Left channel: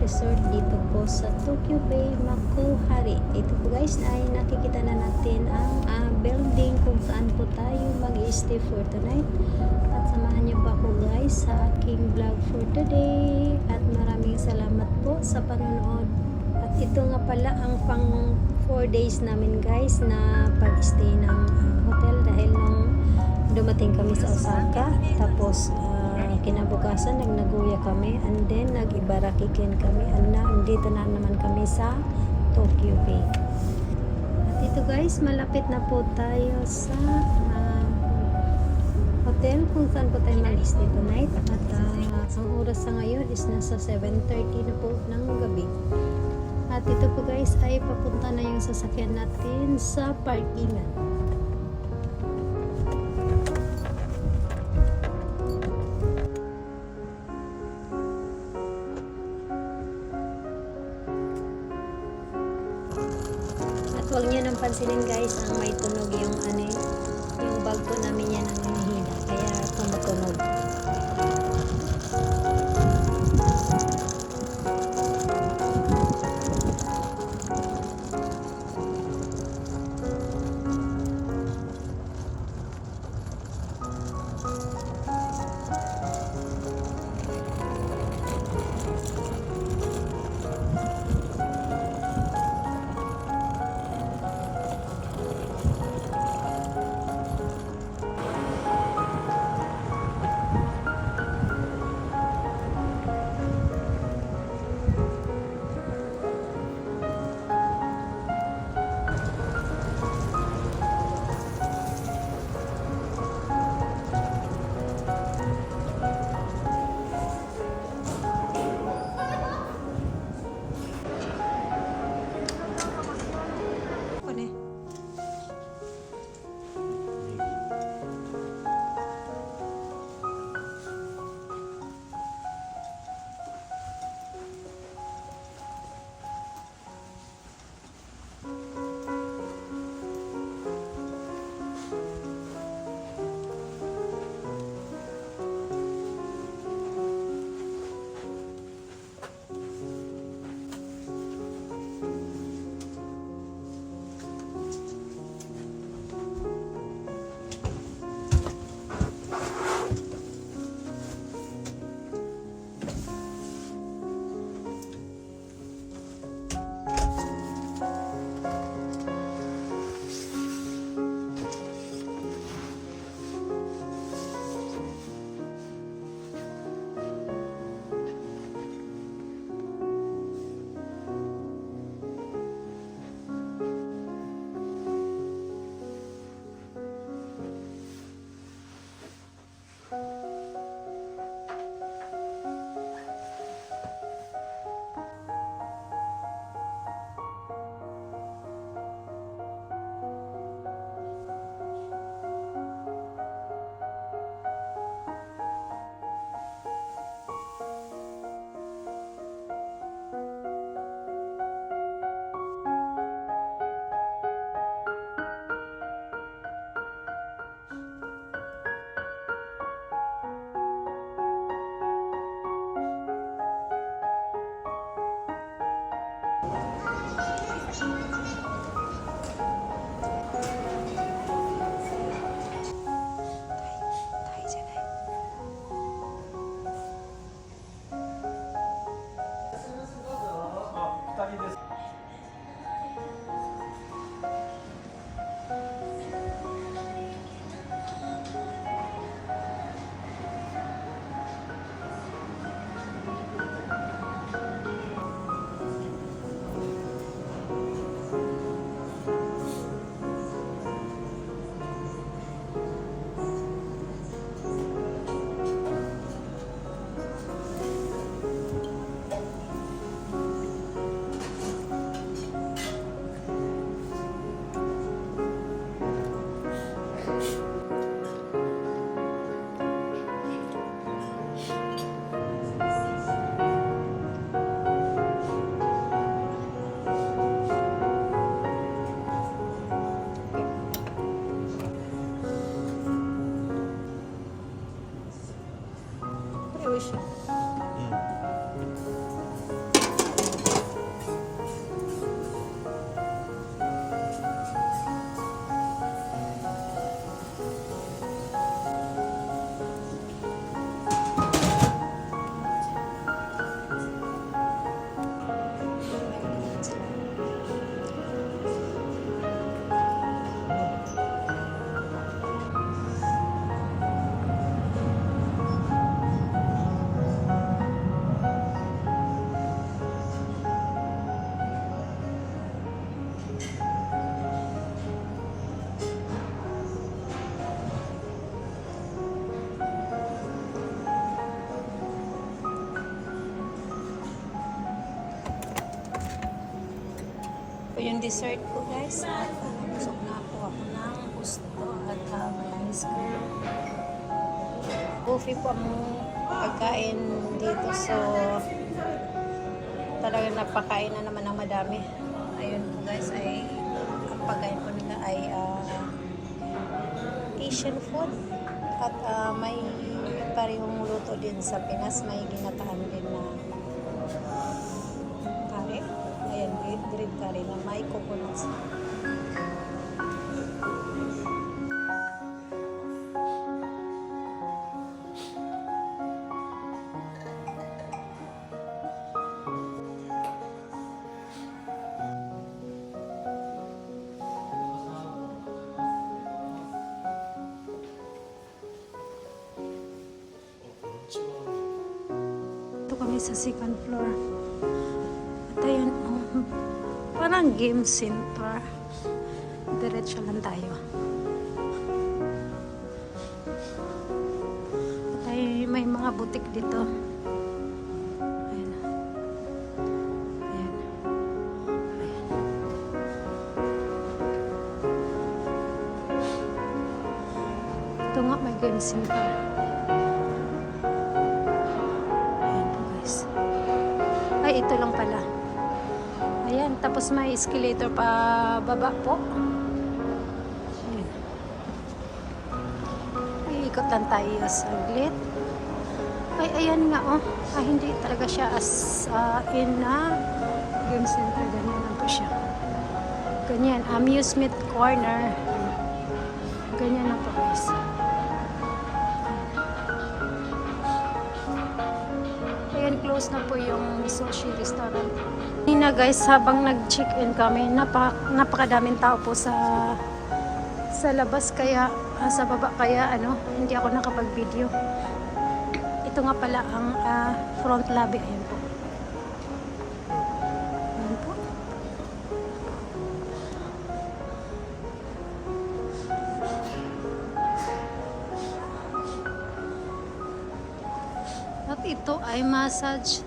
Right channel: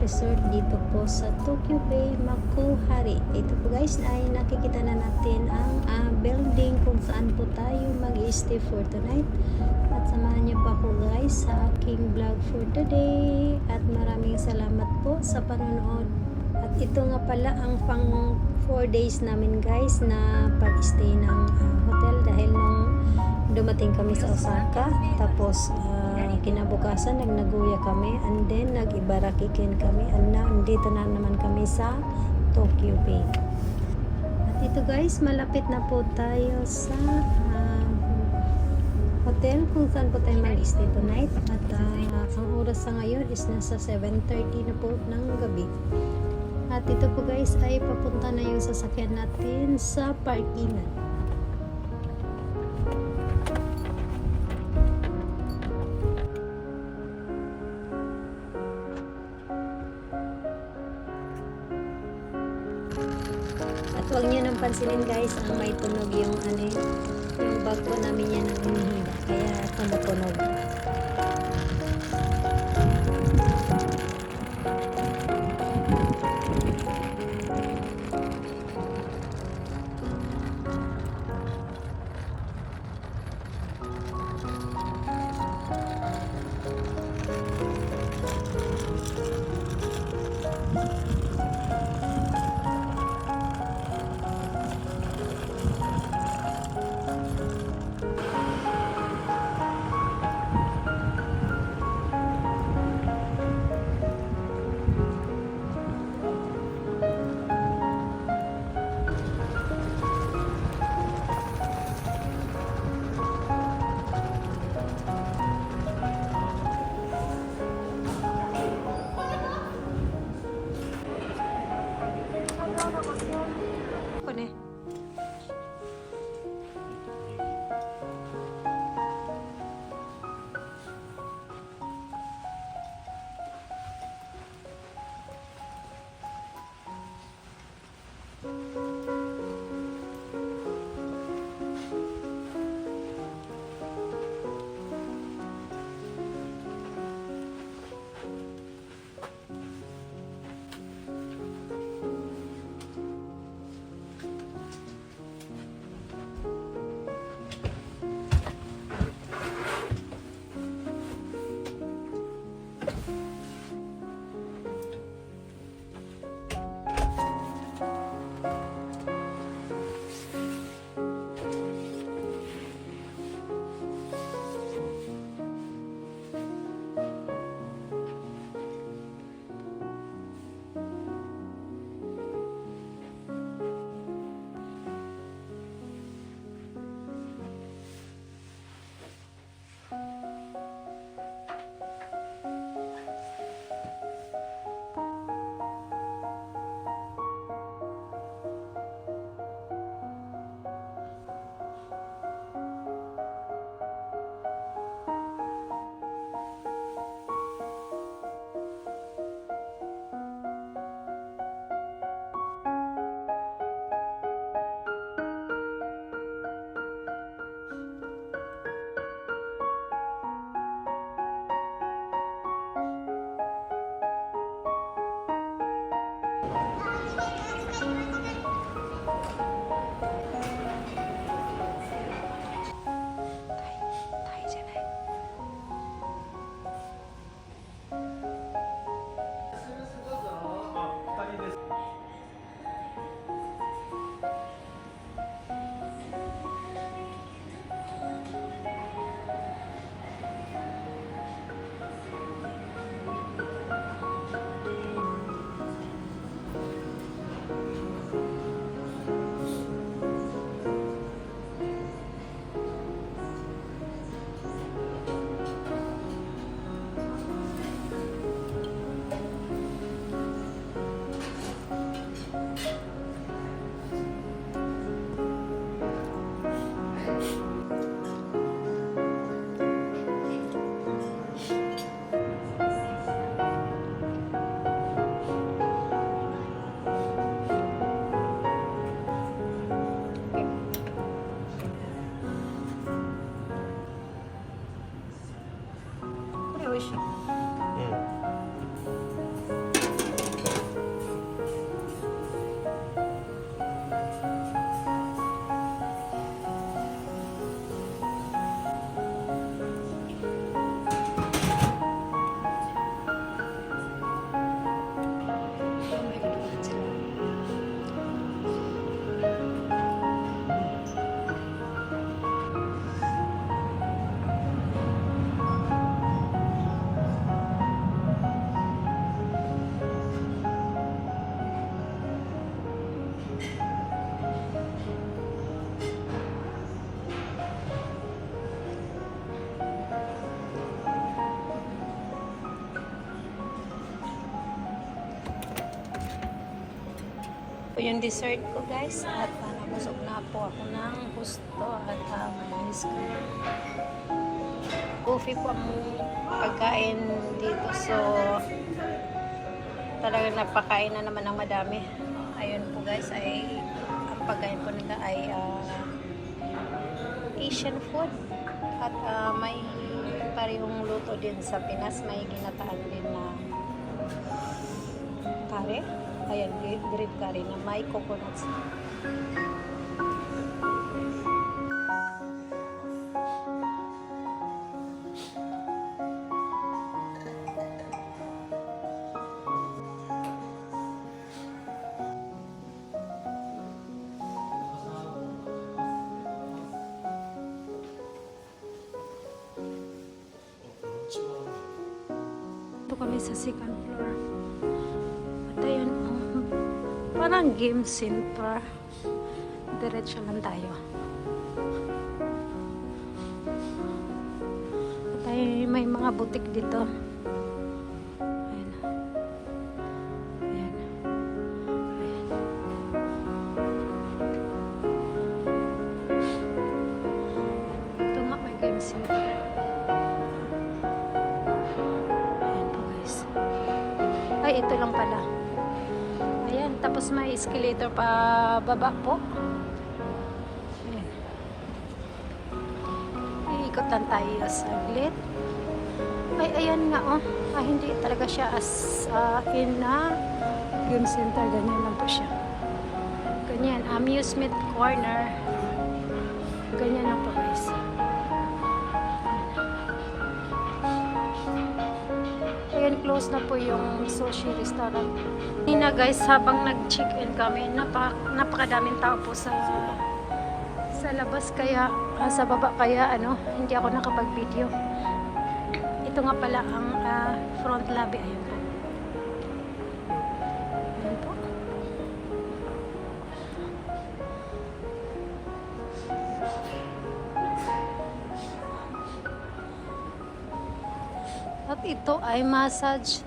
Resort dito po sa Tokyo Bay, Makuhari. Ito po guys ay nakikita na natin ang building kung saan po tayo mag-stay for tonight. At samahan niyo pa ako guys sa aking vlog for today. At maraming salamat po sa panonood. At ito nga pala ang pang 4 days namin guys na pag-stay ng hotel dahil nung dumating kami sa Osaka, tapos kinabukasan nag-Nagoya kami, and then nag-Ibaraki-ken kami, and andito na naman kami sa Tokyo Bay. At ito guys, malapit na po tayo sa hotel kung saan po tayo mag-stay tonight. At ang oras sa ngayon is nasa 7:30 na po ng gabi. At ito po guys ay papunta na yung sasakyan natin sa parkingan. At huwag nyo nang pansinin guys, ang may tunog yung yung bag po namin yan ang hinihila, kaya tumutunog. po yung dessert ko guys at nabusog na po ako ng gusto at may ice cream. Coffee po ang pagkain dito, so talagang napakain na naman ng madami. Ayun po guys, ay ang pagkain po nila ay Asian food at may parehong luto din sa Pinas, may ginataan din na curry. Ayan, green curry na may coconuts. Ito kami sa second floor. At ayan, parang game center. Diretso lang tayo. At ay may mga butik dito. Ayan. Ayan. Ayan. Ito nga, may game center. Ayan po guys. Ay, ito lang pala. Ayan, tapos may escalator pa baba po. Ayan. Iikot lang tayo saglit. Ay, ayan nga oh. Hindi talaga siya as in na game center. Ganyan lang po siya. Ganyan, amusement corner. Ganyan lang po guys. Ayan, close na po yung sushi restaurant. Kanina guys, habang nag-check-in kami, napakadaming tao po sa labas, kaya sa baba, kaya hindi ako nakapag-video. Ito nga pala ang front lobby. Ayan po. Ayan po. At ito ay massage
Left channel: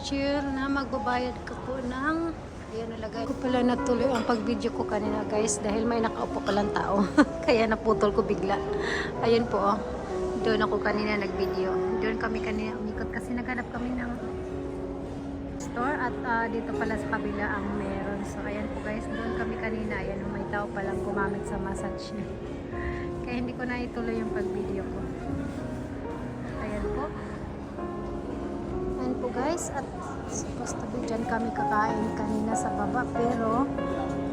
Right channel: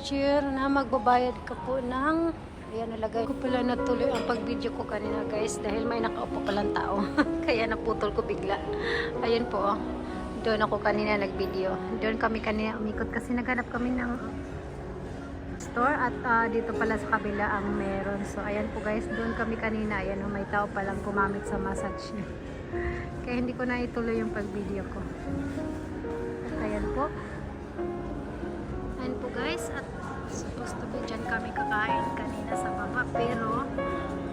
chair na magbabayad ka po ng, ayan, nalagay ko pala natuloy ang pag-video ko kanina guys dahil may nakaupo palang tao. Kaya naputol ko bigla. Ayun po oh. Doon ako kanina nag-video. Doon kami kanina umikot kasi naghanap kami ng store at dito pala sa kabila ang meron. So ayan po guys, doon kami kanina. Ayan, may tao palang gumamit sa massage niya. Kaya hindi ko na ituloy yung pag-video ko. At ayan po. Ayan po guys, at supposed to be dyan kami kakain kanina sa baba, pero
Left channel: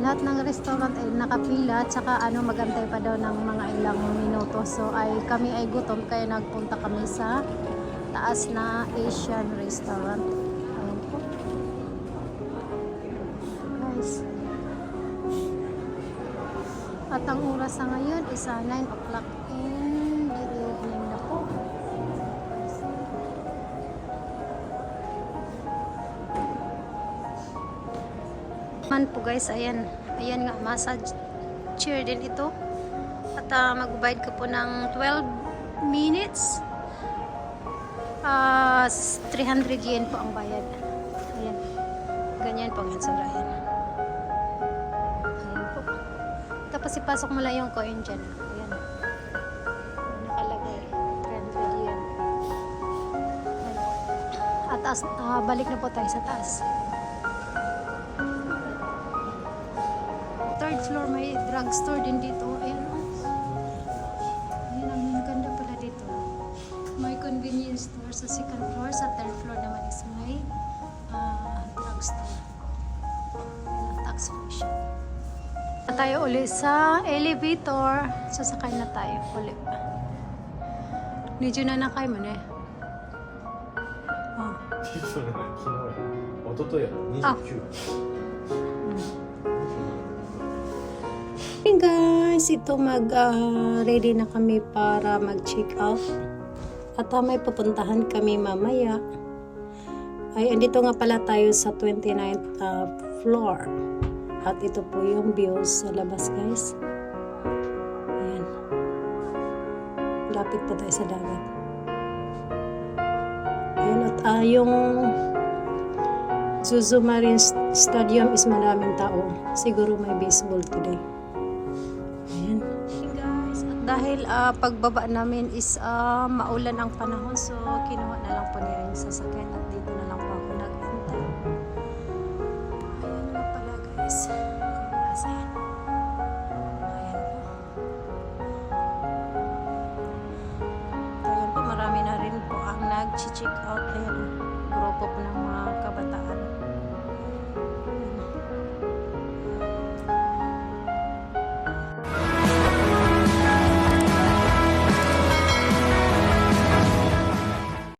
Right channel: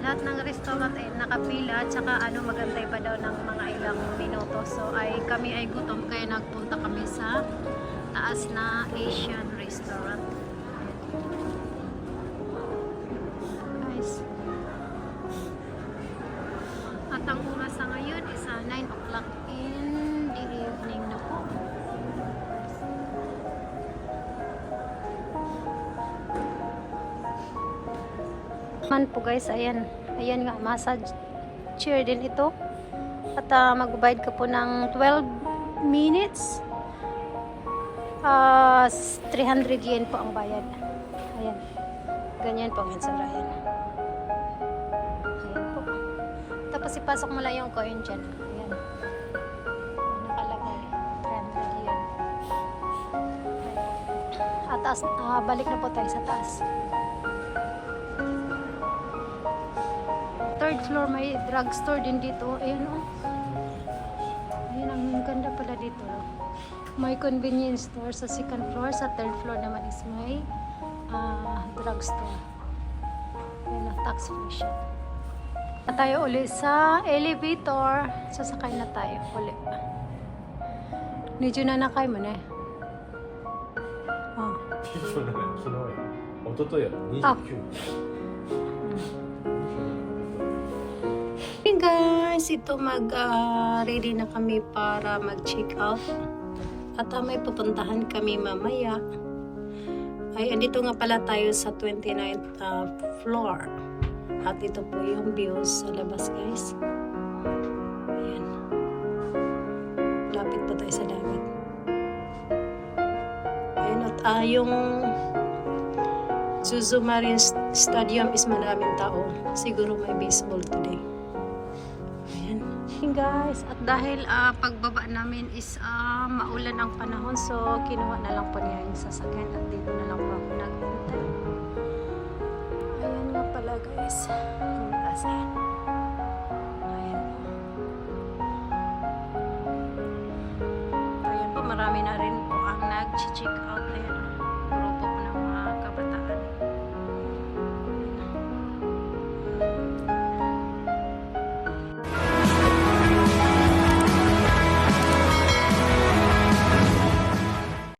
lahat ng restaurant ay nakapila at saka magantay pa daw ng mga ilang minuto, so kami ay gutom kaya nagpunta kami sa taas na Asian restaurant. Ayan. Guys, at ang oras sa ngayon is 9 o'clock in the evening na po. Man po guys, ayan nga, massage chair din ito at magbabayad ka po ng 12 minutes, 300 yen po ang bayad. Ayan, ganyan po ang itsura. Ayan po, tapos ipasok mo lang yung coin dyan. Ayan, nakalagay 300 yen. Ayan po. At taas, balik na po tayo sa taas. Third floor, may drugstore din dito. Ayan o. Ayan, ang ganda pala dito. May convenience store sa second floor. Sa third floor naman is may drugstore. Ayan o, tax free siya. Na tayo uli sa elevator. Sasakay na tayo uli. Medyo na nakay mo na eh. Oh. Hey guys, ito ready na kami para mag-check out at may pupuntahan kami mamaya. Ay, andito nga pala tayo sa 29th floor at ito po yung views sa labas guys. Ayan, lapit po tayo sa dagat. Ayan, at yung Zuzu Marine Stadium is maraming tao. Siguro may baseball today. Ayan. Hey guys, at dahil pagbaba namin is maulan ang panahon, so kinuha na lang po niya yung sasakyan at dito na lang po ako naghintay. Ayan nga pala guys. Ayan. Ayan po. Ayan po, marami na rin po ang nag-check out. Ayan, grupo po ng mga kabataan.